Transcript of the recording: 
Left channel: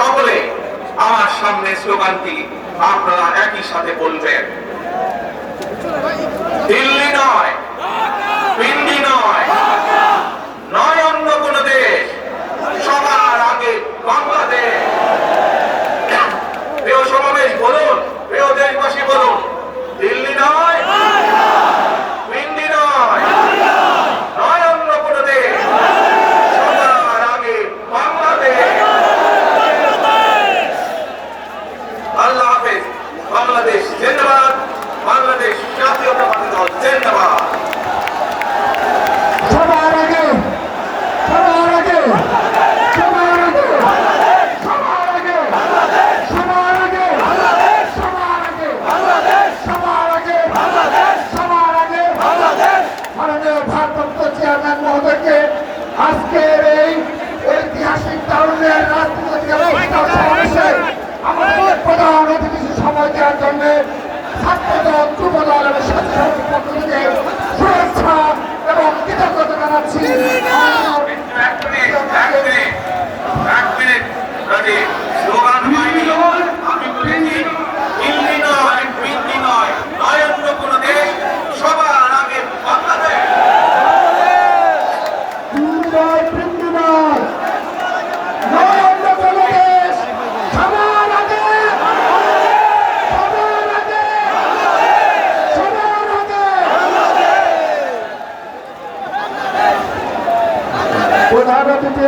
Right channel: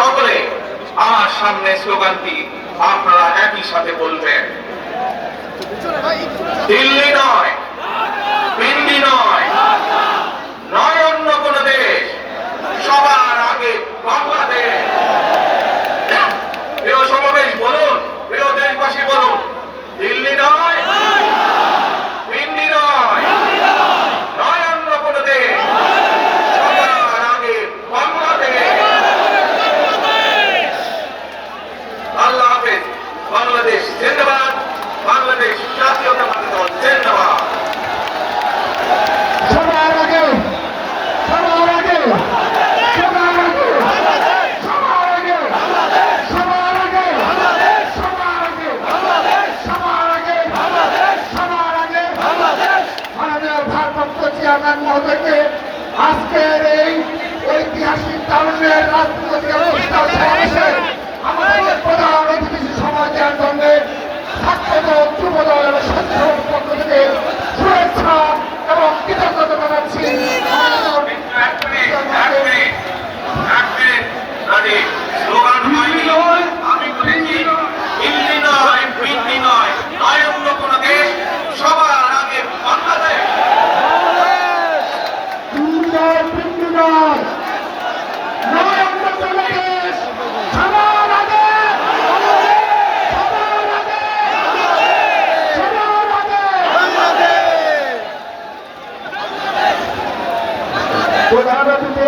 সকলে আমার সামনে স্লোগানটি আপনারা একই সাথে বলবেন। দিল্লি নয়। বাংলাদেশ জিন্দাবাদ। বাংলাদেশ জাতীয়তাবাদী দল জিন্দাবাদ। আজকের এই ঐতিহাসিক কারণে রাজনীতি ছাত্র যুবদল এবং স্বেচ্ছাসেবক পদ্ধতিতে প্রধান অতিথি